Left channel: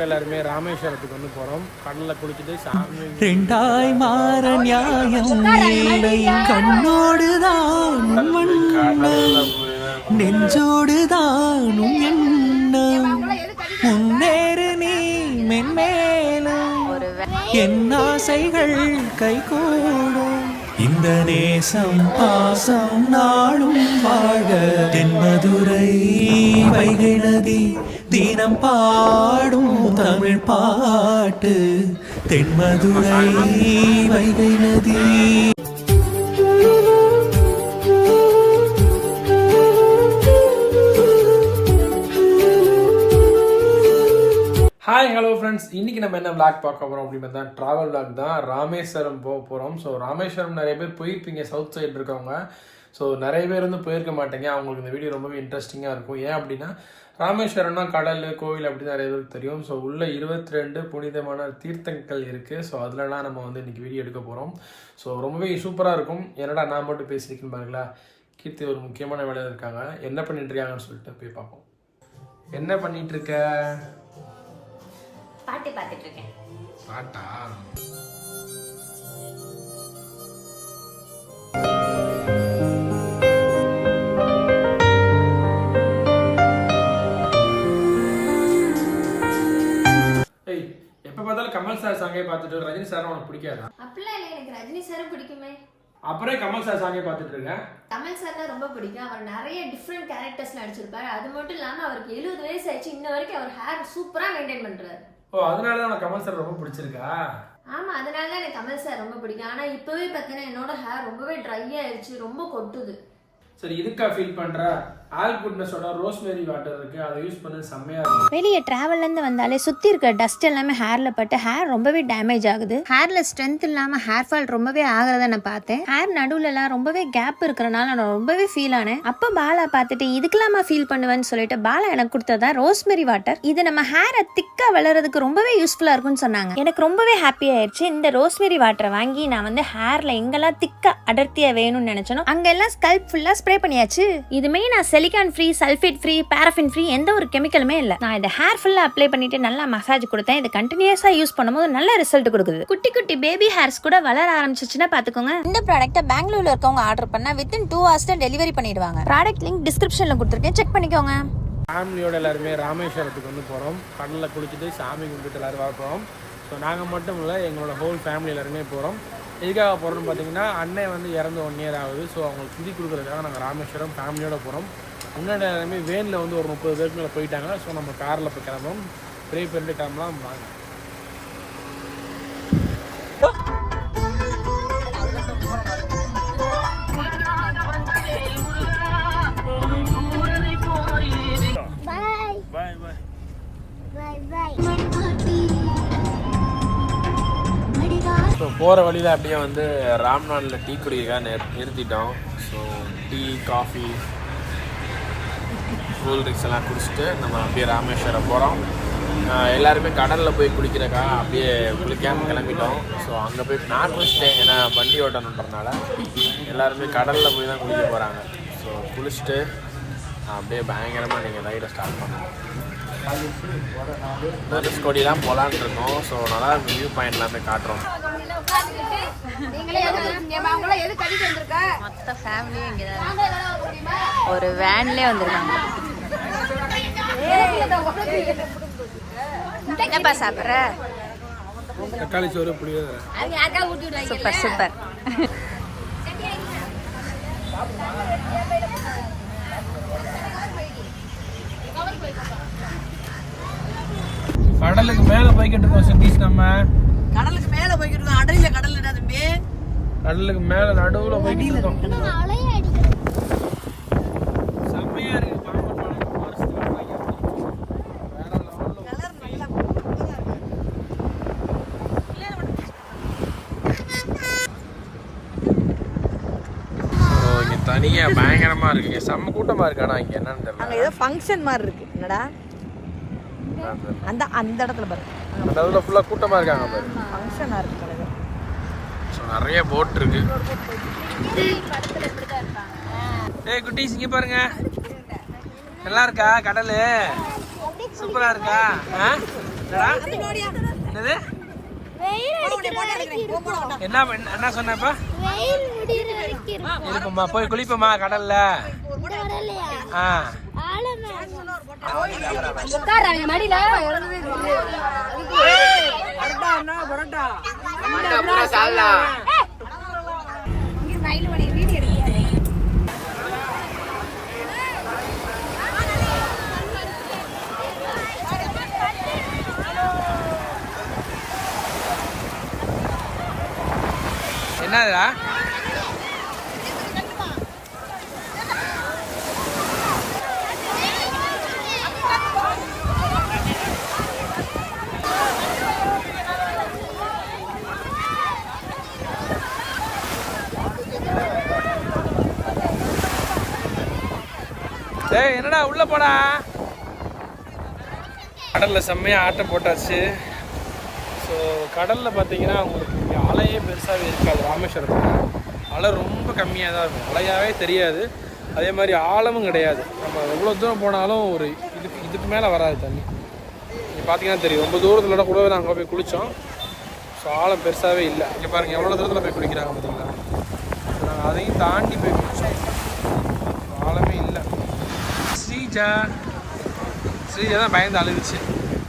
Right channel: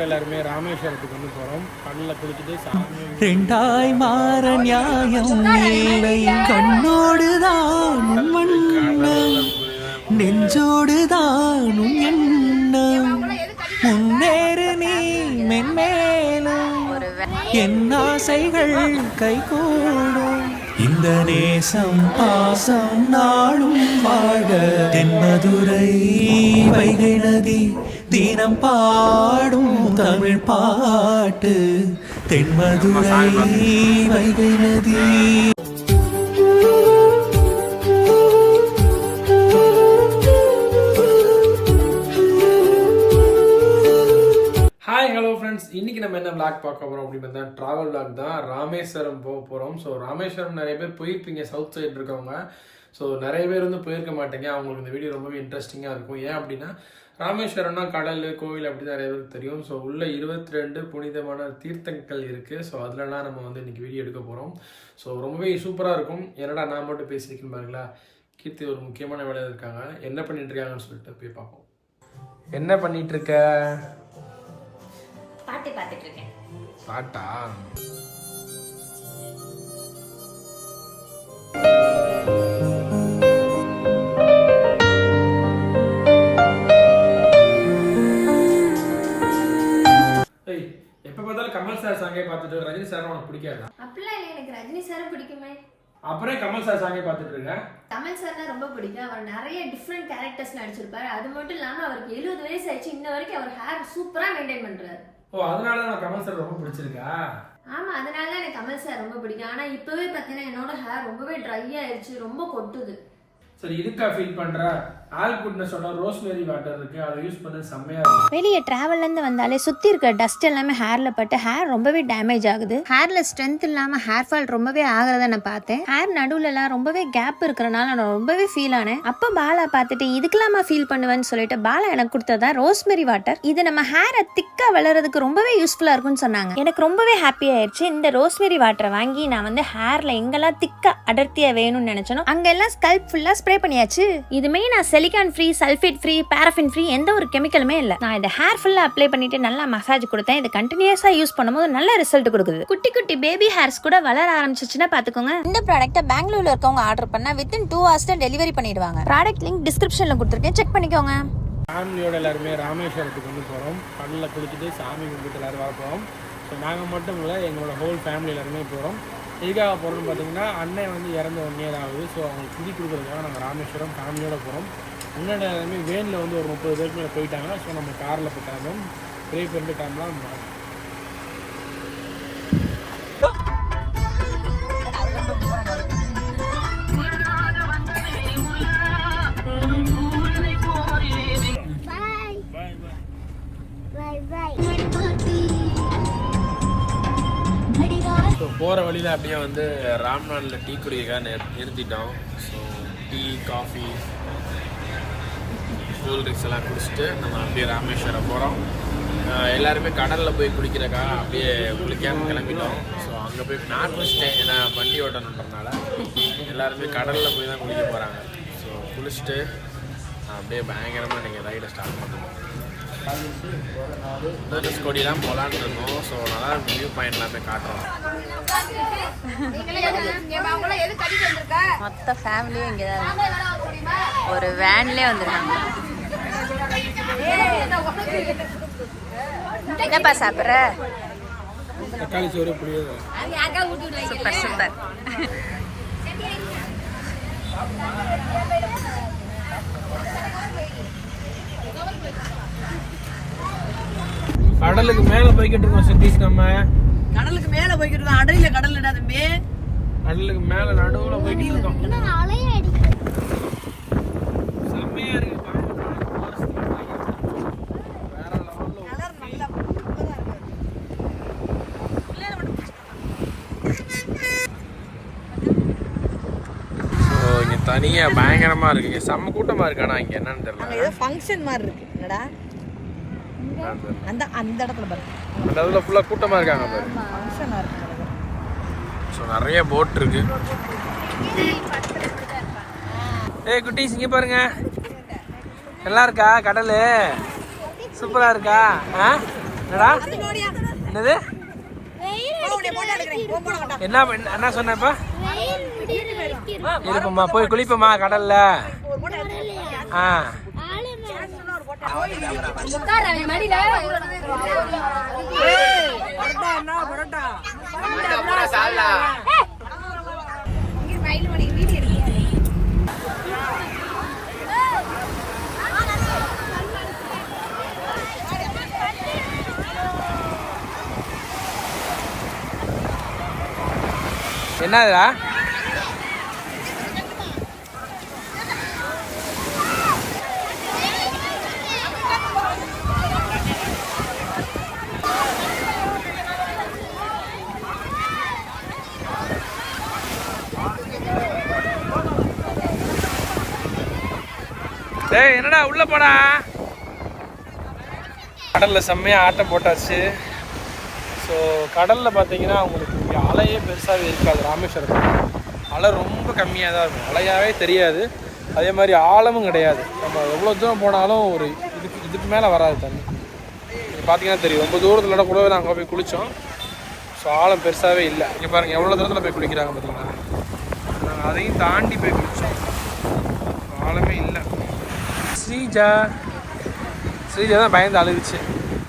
எல்லாருமே ராமேஸ்வரத்துக்கு வந்து போறோம். கடலில் குளிச்சுட்டு சாமி ரெண்டாய் மாற நியாயம் இல்லை. கண்ணோடுதான் உன் வண்ணம். நெஞ்சோடுதான் உன் எண்ணம். முன்னேறு நீ மென்மேலும். என் ஆசைகள் கைகூடும். இந்த நேசம் பாசம் நாளும் வாழ்க. தென்மதுரை வைகை நதி தினம் பாடும் தமிழ் பாட்டு. தென்மதுரை வைகை நதி ஹாய் ஹலோ ஃப்ரெண்ட்ஸ் இன்னைக்கு நம்ம என்ன விளாக் பார்க்க போகிறோம் அப்படின்னு பார்த்தா ட்ராவல் விளாக் தான். ராமேஸ்வரம் போக போகிறோம் ஸோ ராமேஸ்வரம் நிறைய பேர் போயிருப்பீங்க சவுத் சைடு இருக்கவங்க. ஸோ நிறைய பேர் வந்து போயிருக்க மாட்டேங்க. அவங்களுக்கு இந்த வீடியோ ரொம்பவே இன்ட்ரெஸ்டிங்காக இருக்கும். ஏன் அப்படின்னா ராமேஸ்வரம்னா கடல் கோவில் அப்படி நிறைய பேருக்கு தெரியும். ஸோ உள்ள இருபத்தி ரெண்டு புனிதமான தீர்த்தங்கள் இருக்குது ஸோ அதுலலாம் நம்ம வந்து இன்றைக்கி வீடியோ எடுக்க போகிறோம் ஸோ ரொம்பவே சூப்பராக இருக்கும். என்னடா நான் மட்டும் பேசியிருக்கேன் பாருங்களா கீர்த்தி ஒரு முக்கியமான வேலையில் இருக்காங்க. என்ன பண்ணிட்டு இருக்காங்கன்னு சொல்லிட்டு போய் பார்ப்போம். என்ன பண்ணிட்டு இருக்க? பாட்டு பார்த்துட்டு இருக்கேன் பாட்டா எப்ப பார்த்தாலும் கமல் சார் சாங்கே பார்த்துட்டு ரஜினி சார் உனக்கு பிடிக்காதா? அப்படிலாம் இல்லை எனக்கு ரஜினி சாரும் பிடிக்குமே. அப்புறம் கமல் சார் சாங்கே பார்த்துட்டு இருக்கேன் கமல் சார் தான் ரொம்ப பிடிக்கும். அவர் நிறைய டிஃப்ரெண்ட் கேரக்டர்ஸ் நடிச்சிருப்பாரு. அது மட்டும் இல்லாம அவருக்கு எழுபது வயசு ஆயிடுச்சு. இன்ன வரைக்கும் அவர் ஹேர் சூப்பரா மெயின்டைன் பண்றாரு. ஓ அதனால தான் உனக்கு கமல் சார் ரொம்ப பிடிச்சிருக்கா? ஆமா அதனால தான் எனக்கு கமல் சார் ரொம்ப பிடிக்கும். ஆனா இப்பவே பாத்தீங்கன்னா என்னோட ஹேர் ரொம்பவே ட்ரை ஆயிடுச்சு ரொம்ப கொட்டுது. சரி இதுக்கா ஃபீல் பண்ற? வாட்டர் இருக்கு அதை யூஸ் பண்ணி செம்மையா வெளியே ட்ராவல்லேருந்து வந்தாலே சுற்றி இருக்க டஸ்ட் எல்லாமே ஹேரில் பட்டு ஹேர் ரொம்பவே டேமேஜ் ஆகுது. ஹேரில் ஸ்ட்ரென்த் இல்லாமல் ஹேர் ஃபால் ரொம்பவே ஆகிறத நான் பார்த்தேன். ஹேர் நடுவுலலாம் ரொம்பவே கேப் இருக்கிறனால நான் ரொம்பவே ஃபீல் ஆனேன். அப்போ பாலா பார்த்துட்டு இதுக்கெல்லாமா ஃபீல் பண்ணுவேன்னு சொல்லிட்டு பாலா எனக்கு கொடுத்ததா ரோஸ்மெரி வாட்டர் இது நம்ம ஹேரை திக்காக வளர்றதுக்கு ரொம்பவே யூஸ்ஃபுல்லாக இருக்கும்னு சொன்னாங்க. எனக்கு ரொம்பவே ஹாப்பி ஆயிடுச்சு இந்த ரோஸ்மெரி வாட்டரை வாங்கி நான் வந்து ஹேரில் எங்கெல்லாம் திக்காக அடர்த்தியாக வேணும்னு நினச்சனோ அங்கெல்லாம் ஸ்கல்ப் ஃபுல்லாக ஸ்ப்ரே பண்ணியாச்சு. இதுமே நான் silicone free sulphate free paraffin free எந்த ஒரு கெமிக்கலுமே இல்லை. நான் இதை ஹேர் ஃபுல்லாக அப்ளை பண்ணிட்டு நல்லா மசாஜ் கொடுத்தேன். இது கண்டினியூஸாக யூஸ் பண்ணும்போது நல்ல ரிசல்ட் கொடுக்குது. குட்டி குட்டி பேபி ஹேர்ஸ் கூட வளர ஆரம்பிச்சிச்சுன்னா பார்த்துக்கோங்க இந்த ப்ராடக்ட்டை பெங்களூர்ல இருக்கவங்க ஆர்டர் பண்ணால் வித்தின் டூ ஹவர்ஸ்ல டெலிவரி பண்ணிடுவாங்க. ப்ராடக்ட் லிங்க் டிஸ்கிரிப்ஷனில் கொடுத்துருக்கேன். செக் பண்ணிக்கோங்க. ஃபேமிலியோட எல்லாருமே ராமேஸ்வரத்துக்கு வந்து போகிறோம் கடலில் குளிச்சுட்டு சாமி கும்பிட்டு எல்லாரும் வர போகிறோம் ஸோ நாங்கள் மட்டும் இல்லை எங்களோட ஹோல் ஃபேமிலி எல்லாருமே போகிறோம் எதுக்காக போகிறோம்னு பார்த்தீங்கன்னா அண்ணன் வந்து இறந்து ஒன் இயர் ஆகுது ஸோ அவங்களுக்கு திதி கொடுக்குறதுக்காக நாங்கள் ராமேஸ்வரம் ஃபேமிலியோட போகிறோம் முன்னாடி எல்லாமே வேனில் வந்து ஒரு முப்பது பேருக்கு மேலே போயிட்டாங்கன்னா ஸோ நம்ம காரில் போய் கிளம்பும் பெரிய பேருந்து கிளம்பலாம். வாங்க. ஸோ போகிற வழியில் அப்படியே வந்து ராம்நாளில் டீ குடிக்க நிறுத்திட்டோம். So tea coffee cool drinks எல்லாம் குடிச்சிட்டு நம்ம அப்படியே ராமேஸ்வரம் போகிறோம் எல்லாருமே கடலில் போய் குளிக்கிறக்கா அப்படியே குளிக்காம கிளம்பிட்டோம். ஸோ அங்கே போய் நான் குளிச்சிட்டேன். ஏன்னா வண்டி ஓட்டணுன்றனால எல்லாருமே கடலில் போய் தான் குளிக்க போகிறாங்க ஸோ குளிச்சுட்டு அப்படியே பயங்கரமாக நீங்கள் ரைடை ஸ்டார்ட் பண்ணணும் தனுஷ்கோடி தான் போகலான் இருக்கோம். ஸோ நல்லா வியூ பாயிண்ட் எல்லாமே காட்டுறோம். மொத்த ஃபேமிலியும் இங்கே தான் ஒரு வேன்லேயே வந்திருக்காங்க. என்னப்பா சாப்பிட்ற? தக்காளி சோறு புளியோதரை சூப்பர் சூப்பர். கடலுக்கு மேலே போய்கிட்டு இருக்கோம் சதீஷ் நம்ம. கடலுக்கு மேல போய்கிட்டு இருக்கோம். அடையில கடல் இடாதுமே. கடலுக்கு மேலே நடுவில் போய்கிட்டு இருக்கோம் செம்மையா இருக்கு பாம்பன் பாலம். forest ல போய்கிட்டு இருக்கோம். வேற level. ஸோ இங்கே தனியாக பயங்கரமாக இருக்கு இங்கே செம்ம கூட்டமாக இருக்கு. ஆனால் இங்கே என்னன்னு அங்க தெரியல ஏதோ ஃபங்க்ஷன் மாதிரி இருக்கு. என்னடா? அந்த அந்த இடத்துல பாரு. அந்த இதில் ஃபுல்லாக கூட்டமாக இருக்காங்க பாரு. ஃபங்க்ஷனா இருக்கு. ஸோ நிறைய போட் இருக்கு. ஏய் குட்டீஸ் இங்கே பாருங்க. நல்லா இருக்கா? கடல்? சூப்பரா இருக்கா? ஆ? என்னடா? என்னது? என்ன என்ன- என்ன சொன்னப்ப இருப்போம்மா போய் குளிப்போமா கடல்ல. ஆ. என்னதுடா? டேய் என்னடா உள்ள போடா? கடல்ல செம்மையா ஆட்டம் போட்டாச்சு. ஸோ கடலில் பார்த்தீங்கன்னா உங்களுக்கு இங்கே அலையே பெருசாகவே இருக்காது ராமேஸ்வரத்தில் அலை ரொம்ப கம்மியாக தான் இருக்கும். அலையாவே தெரியாது. அதே மாதிரி ஆழமும் கிடையாது. நம்ம எவ்வளோ தூரம் போனாலும் ஒரு இதுக்கு இதுக்கு மேலே வராது தண்ணி. நீங்கள் பார்த்தீங்கன்னா தெரியும். ரொம்ப தூரத்தில் கூட நாங்கள் போய் குளித்தோம் ஸோ ஆழம் பெருசாகவே இல்லை. இங்கே பாருங்கள் எவ்வளோ தூரத்தில் போய் குளிக்கிறாங்க பார்த்தீங்களா நாங்கள் அதையும் தாண்டி போய் குளித்தோம் ஆழமே இல்லை. ஸ்ரீஜா ஸ்ரீஜா தான் பயந்து அழுதுச்சு.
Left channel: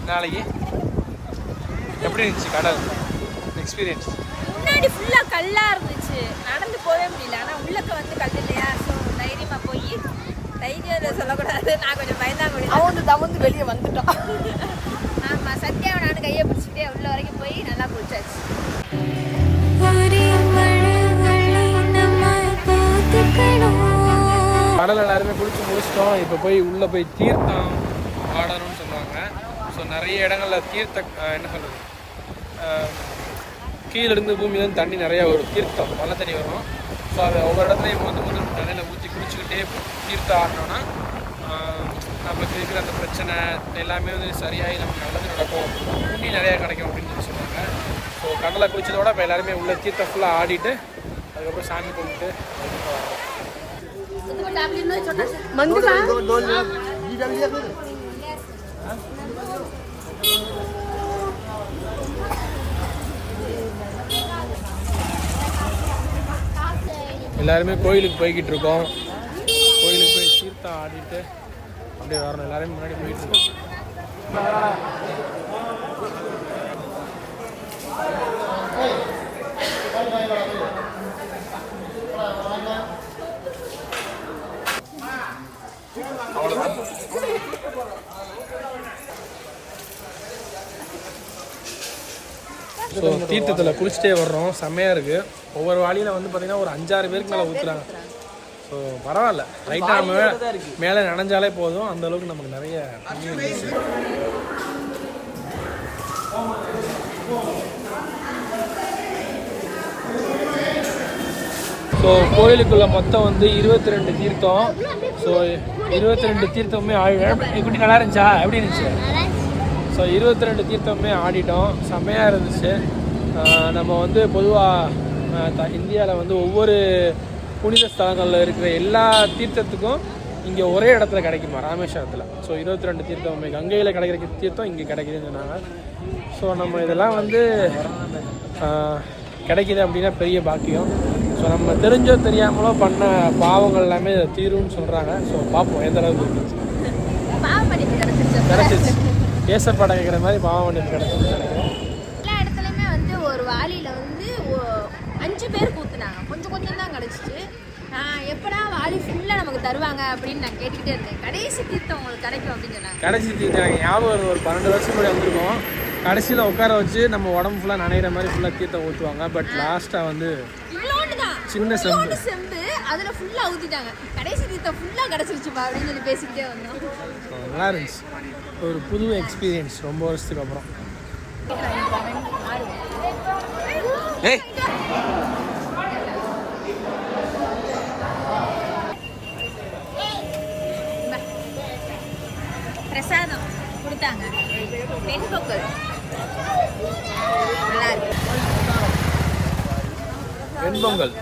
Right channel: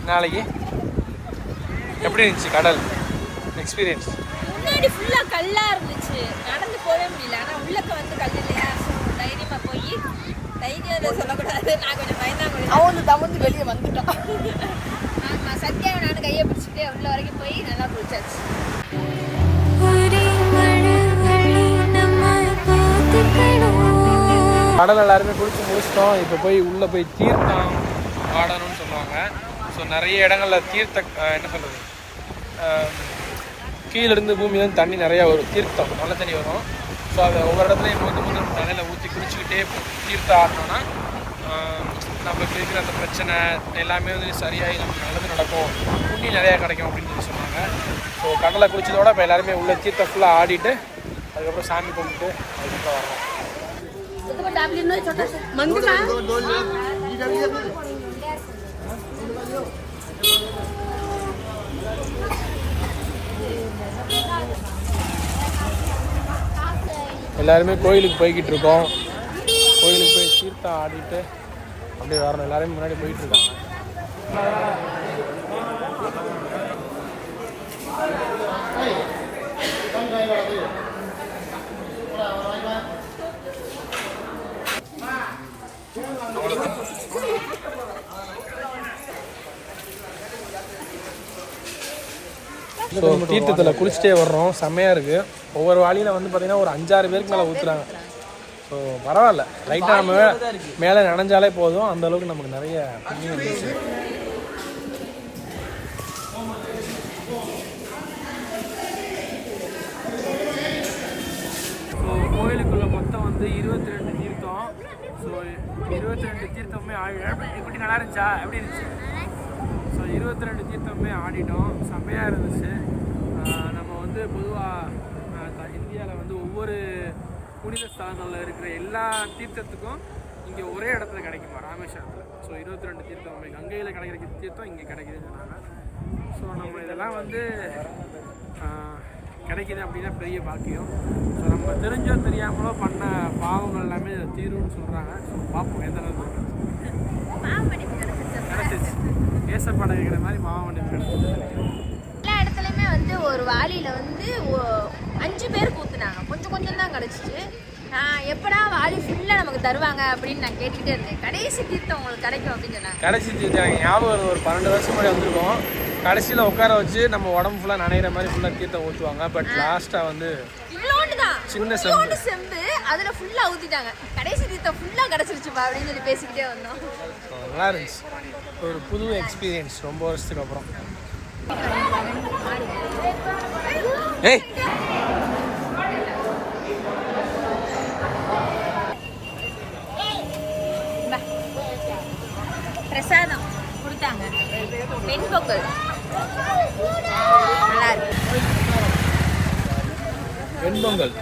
நாளைக்கு எப்படி இருந்துச்சு கடல்? எக்ஸ்பீரியன்ஸ் முன்னாடி ஃபுல்லா கல்லா இருந்துச்சு. நடந்து போகவே முடியல. ஆனா உள்ளக்க வந்து கல் இல்லையா? ஸோ தைரியமா போய் தைரியம் சொல்லக்கூடாது. நான் கொஞ்சம் பயந்தாங்க அவன் தவந்து வெளியே வந்துட்டான். ஆமா சத்யாவை நானும் கையை பிடிச்சிட்டே உள்ள வரைக்கும் போய் நல்லா குளிச்சாச்சு. கடல் எல்லாருமே குளிச்சு முடிச்சிட்டோம். இப்போ போய் உள்ளே போய் தீர்த்தம் ஆடணும்னு சொல்லுவாங்க. ஸோ நிறைய இடங்களில் தீர்த்த என்ன சொல்கிறது கீழிருந்து பூமியிலேருந்து தண்ணி நிறையா வரும். தீர்த்தம் நல்ல தண்ணி வரும். ஸோ அதை ஒவ்வொரு இடத்துலையும் வந்து வந்து நம்ம தலையில் ஊற்றி குடிச்சிக்கிட்டே தீர்த்தம் ஆடினோன்னா நம்மளுக்கு நமக்கு இருக்கிற அந்த பிரச்சனை எல்லாமே வந்து சரியாகி நமக்கு நல்லது நடக்கும். புண்ணி நிறையா கிடைக்கும் அப்படின்னு சொல்லி சொன்னாங்க ஸோ கடலை குளிச்சதோட இப்போ எல்லாருமே உள்ள தீர்த்தம் ஃபுல்லாக ஆடிட்டு அதுக்கப்புறம் சாமி கும்பிட்டு அதுக்கப்புறம் வரோம் வர்றோம் எல்லாருமே கோயிலுக்கு போய்கிட்டு இருக்கோம் கோயிலுக்கு போய் சீர்த்தா ஆடிட்டு அப்படியே வரணும். எல்லாருமே முன்னாடி போயிட்டு இருக்காங்க ஸோ தீர்த்தத்தில் குளிச்சுட்டே வர்றோம். செம்மையாக இருக்குது ஒவ்வொரு வாளியில் வந்து பார்த்திங்கன்னா ஒரு அஞ்சாறு பேருக்கு மேலே ஊற்றுறாங்க ஸோ பரவாயில்ல. லைட்டாக நம்ம மேலே நனைஞ்சாலே போதும். அந்தளவுக்கு நமக்கு நிறைய ஸோ கோயிலுக்குள்ளே மொத்தம் வந்து இருபத்தி ரெண்டு தீர்த்தம். ஸோ இருபத்தி ரெண்டு தீர்த்தமுமே ஆடி எப்படி நல்லா இருந்துச்சா? எப்படி இருந்துச்சு? ஸோ இருபத்தி ரெண்டு தீர்த்தமுமே ஆடிட்டோம். செம்மையாக இருந்துச்சு. நம்ம வந்து பொதுவாக இந்தியாவில் வந்து ஒவ்வொரு புனித ஸ்தலங்களில் இருக்கிற எல்லா தீர்த்தத்துக்கும் இங்கே ஒரே இடத்துல கிடைக்குமா? ராமேஸ்வரத்தில். ஸோ இருபத்தி ரெண்டு தீர்த்தமுமே கங்கையில் கிடைக்கிற தீர்த்தம் இங்கே கிடைக்குதுன்னு சொன்னாங்க. ஸோ நம்ம இதெல்லாம் வந்து கிடைக்குது அப்படின்னா பெரிய பாக்கியம். ஸோ நம்ம தெரிஞ்சோ தெரியாமலோ பண்ண பாவங்கள் எல்லாமே தீரும்னு சொல்கிறாங்க ஸோ பார்ப்போம் எந்த அளவுக்கு கிடச்சிச்சு ஏசப்பாடம் கேட்குற மாதிரி பாவம் பண்ணிட்டு கிடச்சிச்சு நினைக்கிறேன் எல்லா இடத்துலையுமே வந்து ஒரு வாளியில வந்து அஞ்சு பேருக்கு ஊத்துனாங்க கொஞ்சம் கொஞ்சம் தான் கிடச்சிச்சு. எப்படா வாளி ஃபுல்லாக நமக்கு தருவாங்க அப்படின்னு நான் கேட்டுக்கிட்டே இருந்தேன். கடைசி தீர்த்தம் உங்களுக்கு கிடைக்கும் அப்படின்னு சொன்னாங்க. கடைசி எனக்கு ஞாபகம் ஒரு பன்னெண்டு வருஷம் முன்னாடி வந்திருக்கோம். கடைசியில் உட்கார வச்சு நம்ம உடம்பு ஃபுல்லாக நனைகிற மாதிரி ஃபுல்லாக தீர்த்தம் ஊற்றுவாங்க பட் லாஸ்ட்டாக வந்து சின்ன செம்பு. செம்பு அதில் ஃபுல்லாக ஊற்றிட்டாங்க கடைசி தீர்த்தம் ஃபுல்லாக கிடச்சிருச்சுப்பா அப்படின்னு சொல்லி பேசிக்கிட்டே வந்தோம். நல்லா இருந்துச்சு. ஒரு புது எக்ஸ்பீரியன்ஸ் ரொம்ப வருஷத்துக்கு அப்புறம். ஏய்! பிரசாதம். கொடுத்தாங்க. பெண் பொங்கல் நல்லா இருக்கு. வெண்பொங்கல்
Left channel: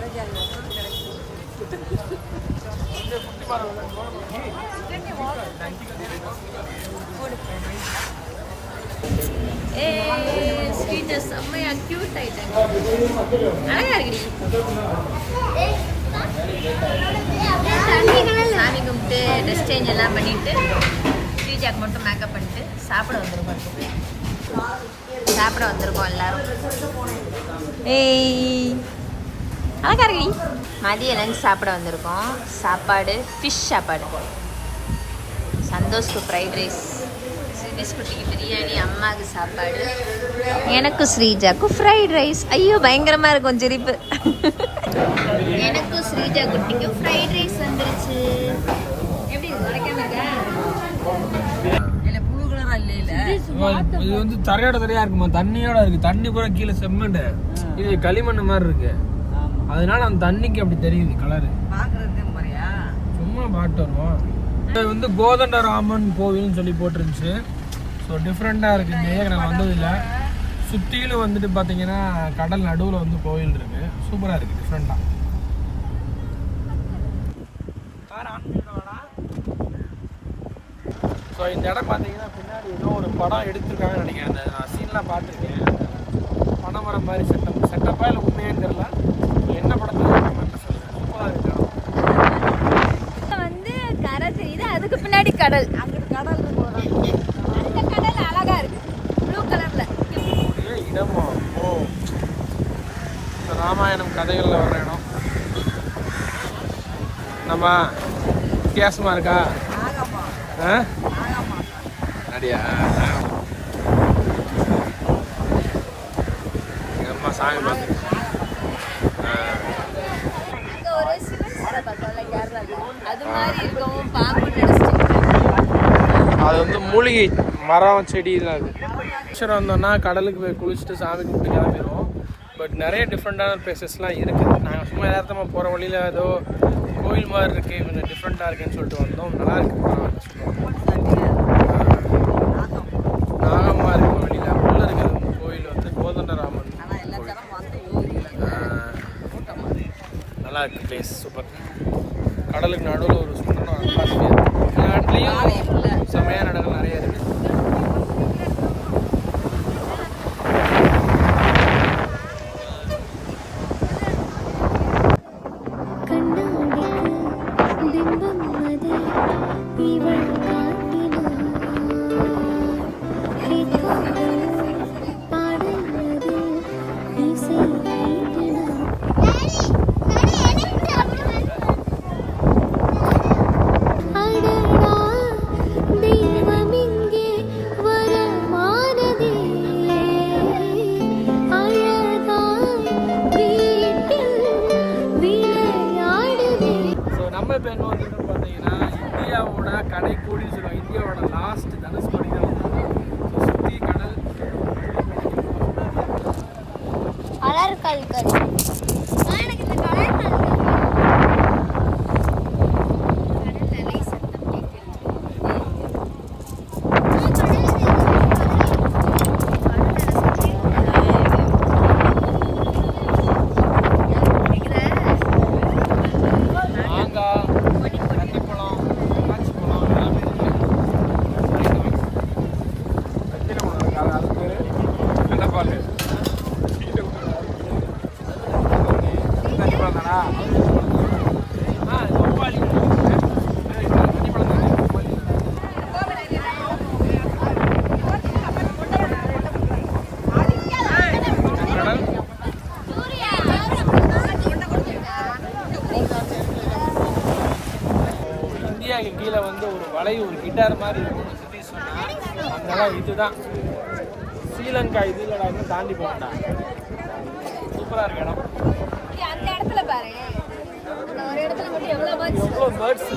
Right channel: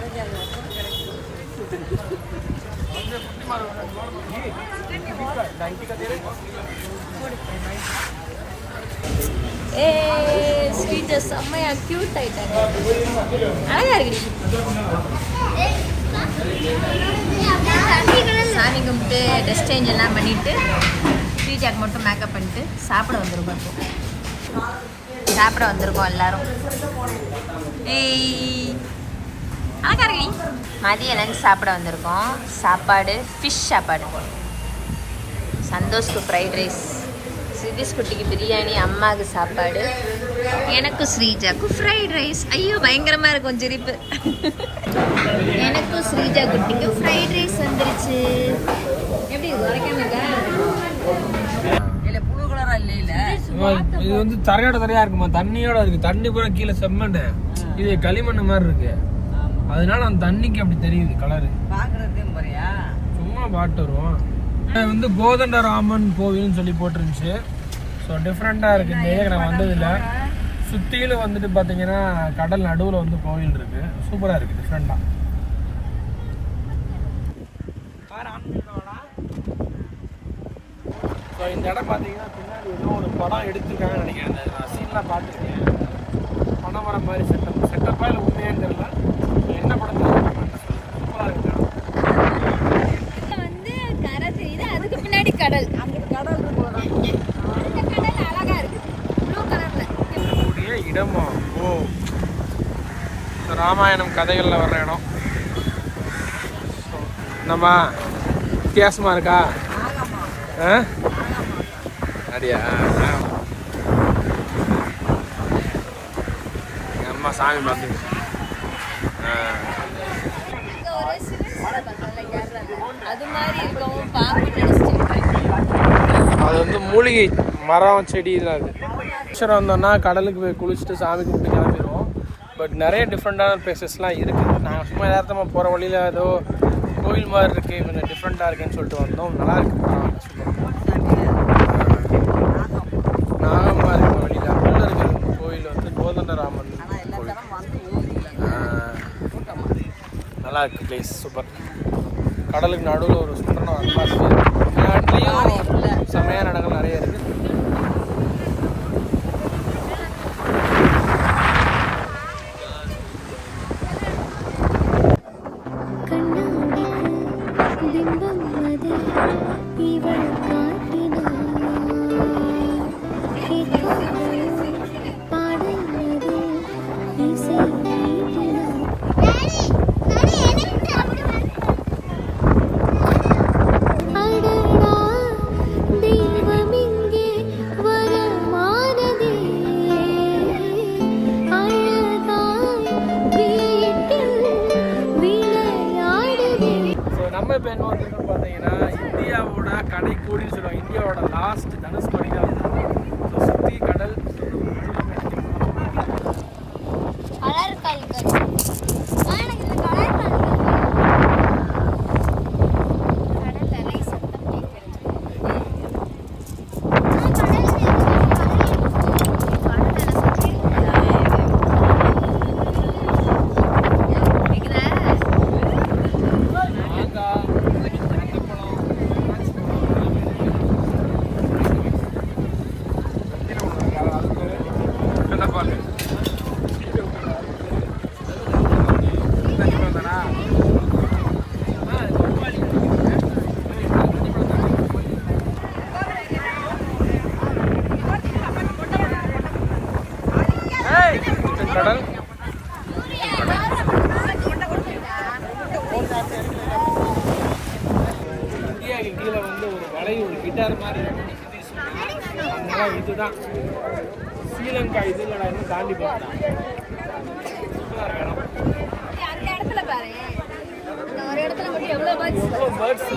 ஏ ஸ்வீட் செம்மையா கியூட் ஆயிட்டாங்க. அழகா இருக்குடி சாமி கும்பிட்டு ட்ரெஸ் சேஞ்ச் எல்லாம் பண்ணிட்டு ஸ்ரீஜாக் மட்டும் மேக்கப் பண்ணிட்டு சாப்பிட வந்திருக்கோம் இப்போ. சாப்பிட வந்திருக்கோம் எல்லாரும். ஏய் அழகா மதியம் லஞ்ச் சாப்பிட வந்திருக்கோம். சாப்பாடு ஃபிஷ் சாப்பாடு. சந்தோஷ்க்கு ஃப்ரைட் ரைஸ் ஸ்ரீதிஷ் குட்டிக்கு பிரியாணி அம்மாவுக்கு சாப்பாடு. எனக்கும் ஸ்ரீஜாக்கும் ஃப்ரைட் ரைஸ் ஐயோ பயங்கரமாக இருக்கும் சிரிப்பு. எனக்கும் ஸ்ரீஜா குட்டிக்கும் ஃப்ரைட் ரைஸ் வந்துருச்சு. எப்படி உரைக்காம இருக்கா இல்ல புழு கலரா இல்ல இது வந்து தரையோட தரையா இருக்குமா? தண்ணியோட இருக்கு. தண்ணி பூரா கீழே செம்மண் இது களிமண் மாதிரி இருக்கு. அதனால அந்த தண்ணிக்கு அப்படி தெரியுது கலரு சும்மா பாட்டு வருவோம். வந்து கோதண்ட ராமன் கோவில்னு சொல்லி போட்டிருந்துச்சு. ஸோ டிஃப்ரெண்ட்டாக இருக்குது இந்த ஏரியாக்கு நான் வந்ததில்ல. சுற்றிலும் வந்துட்டு பார்த்தீங்கன்னா கடல் நடுவில் வந்து கோவில் இருக்குது சூப்பராக இருக்குது டிஃப்ரெண்ட்டாக ஸோ இந்த இடம் பார்த்தீங்கன்னா பின்னாடி ஏதோ ஒரு படம் எடுத்திருக்காங்கன்னு நினைக்கிறேன். நான் சீன்லாம் பார்த்துருக்கேன். படம் வர மாதிரி செட்டப் செட்டப்பாக இல்லை உண்மையான்னு தெரியல. என்ன படத்தை கமெண்ட்டில் சொல்லுங்கள் சூப்பராக இருக்கு. வந்து கரை தெரியுது அதுக்கு பின்னாடி கடல். அந்த கடல் அழகா இருக்கு. ப்ளூ கலர்ல இடமா? ஓ. ராமாயணம் கதைகளில் வர்ற இடம். நம்ம வித்தியாசமா இருக்கா? ஆ? அப்படியா அம்மா சாமி பார்த்து இங்க ஒரு சிவன் சிலை பார்த்தோம்ல கேரளால அது வந்து மூலிகை மரம் செடி இதில் அது வந்தோம்னா கடலுக்கு போய் குளிச்சுட்டு சாமி கும்பிட்டு கிளம்பிடுவோம். பட் நிறைய டிஃப்ரெண்ட்டான பிளேசஸ்லாம் இருக்குது நாங்கள் சும்மா யதார்த்தமாக போகிற வழியில் ஏதோ கோயில் மாதிரி இருக்குது கொஞ்சம் டிஃப்ரெண்ட்டாக இருக்குன்னு சொல்லிட்டு வந்தோம். நல்லா இருக்கு. பரவாயில்ல சூப்பராக நாகமாக இருக்கு வழியில் உள்ள இருக்கிற இந்த கோயில் வந்து கோதண்டராமன் கோயில். ஆ, நல்லா இருக்கு பிளேஸ் சூப்பர் கடலுக்கு நடுவில் ஒரு சூப்பரான அட்மாஸ்பியர் நாட்டிலையும் செமையான இடங்கள் நிறைய இருக்கு. கிட்டார் மாதிரி இடம் இதுதான் ஸ்ரீலங்கா இது இல்லடா இன்னும் தாண்டி போகண்டா சூப்பராக இருக்கு இடம். அந்த இடத்துல பாரு. அந்த ஒரு இடத்துல மட்டும் எவ்வளவு பேர்ட்ஸ் எவ்வளோ பேர்ட்ஸ்